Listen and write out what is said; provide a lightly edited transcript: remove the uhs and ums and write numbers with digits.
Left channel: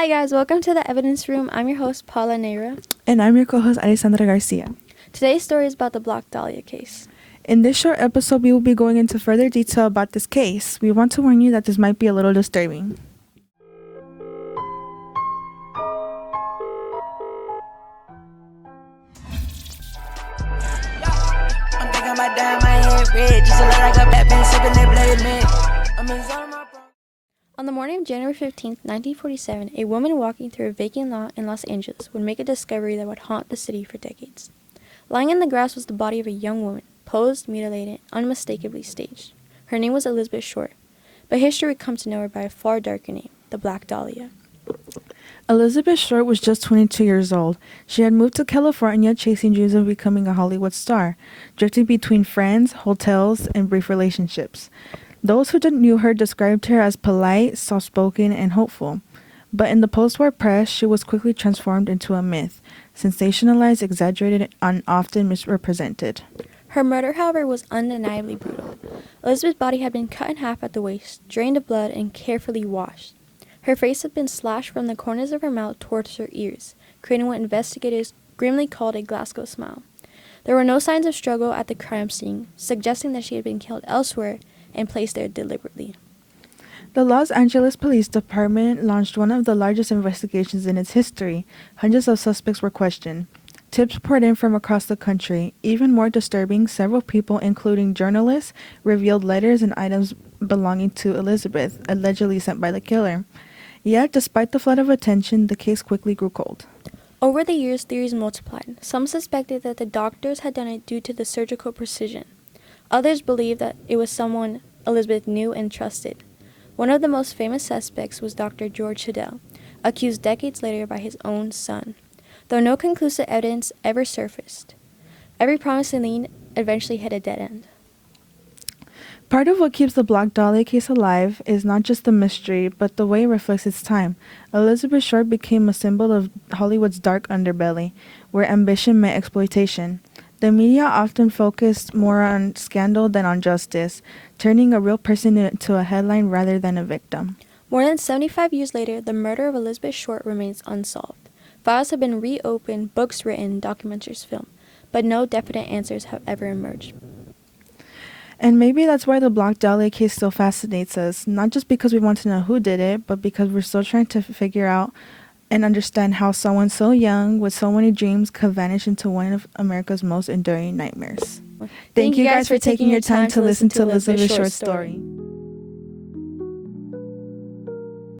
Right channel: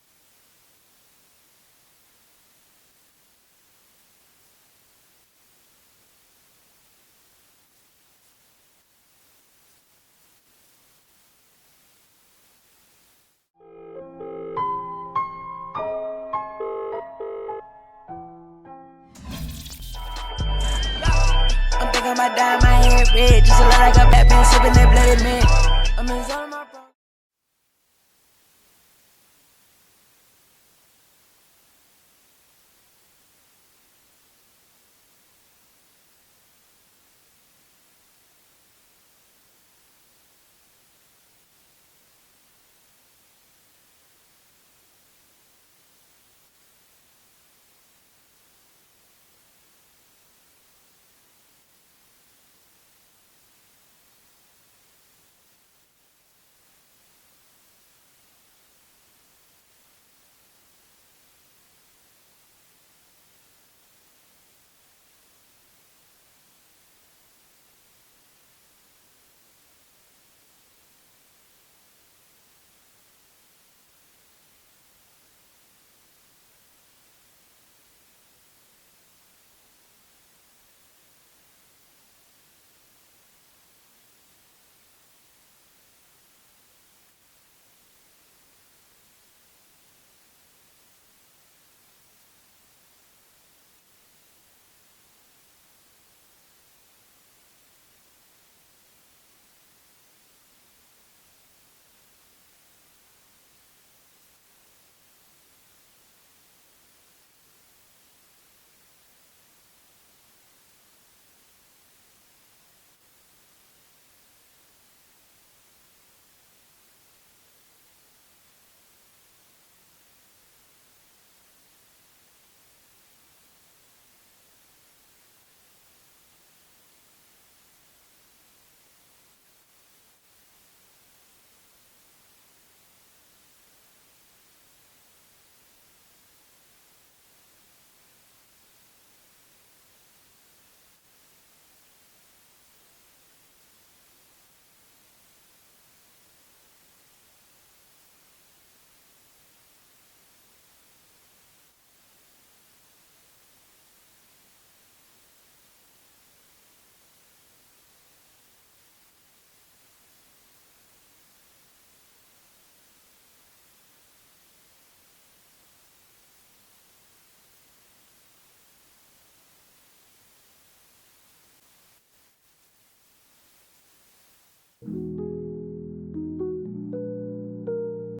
Hi guys, welcome to the Evidence Room. I'm your host, Paula Neira. And I'm your co-host, Alessandra Garcia. Today's story is about the Black Dahlia case. In this short episode, we will be going into further detail about this case. We want to warn you that this might be a little disturbing. I'm thinking about dyeing my hair red, just to look like a Batman sipping that blade man. I'm in zone of my bro. On the morning of January 15, 1947, a woman walking through a vacant lot in Los Angeles would make a discovery that would haunt the city for decades. Lying in the grass was the body of a young woman, posed, mutilated, unmistakably staged. Her name was Elizabeth Short, but history would come to know her by a far darker name, the Black Dahlia. Elizabeth Short was just 22 years old. She had moved to California chasing dreams of becoming a Hollywood star, drifting between friends, hotels, and brief relationships. Those who knew her described her as polite, soft-spoken, and hopeful. But in the post-war press, she was quickly transformed into a myth, sensationalized, exaggerated, and often misrepresented. Her murder, however, was undeniably brutal. Elizabeth's body had been cut in half at the waist, drained of blood, and carefully washed. Her face had been slashed from the corners of her mouth towards her ears, creating what investigators grimly called a Glasgow smile. There were no signs of struggle at the crime scene, suggesting that she had been killed elsewhere and placed there deliberately. The Los Angeles Police Department launched one of the largest investigations in its history. Hundreds of suspects were questioned. Tips poured in from across the country. Even more disturbing, several people, including journalists, revealed letters and items belonging to Elizabeth, allegedly sent by the killer. Yet, despite the flood of attention, the case quickly grew cold. Over the years, theories multiplied. Some suspected that the doctors had done it due to the surgical precision. Others believed that it was someone Elizabeth knew and trusted. One of the most famous suspects was Dr. George Hodel, accused decades later by his own son, though no conclusive evidence ever surfaced. Every promising lead eventually hit a dead end. Part of what keeps the Black Dahlia case alive is not just the mystery, but the way it reflects its time. Elizabeth Short became a symbol of Hollywood's dark underbelly, where ambition met exploitation. The media often focused more on scandal than on justice, turning a real person into a headline rather than a victim. More than 75 years later, the murder of Elizabeth Short remains unsolved. Files have been reopened, books written, documentaries filmed, but no definite answers have ever emerged. And maybe that's why the Black Dahlia case still fascinates us, not just because we want to know who did it, but because we're still trying to figure out and understand how someone so young with so many dreams could vanish into one of America's most enduring nightmares. Thank you guys for taking your time to listen to Elizabeth Short's story.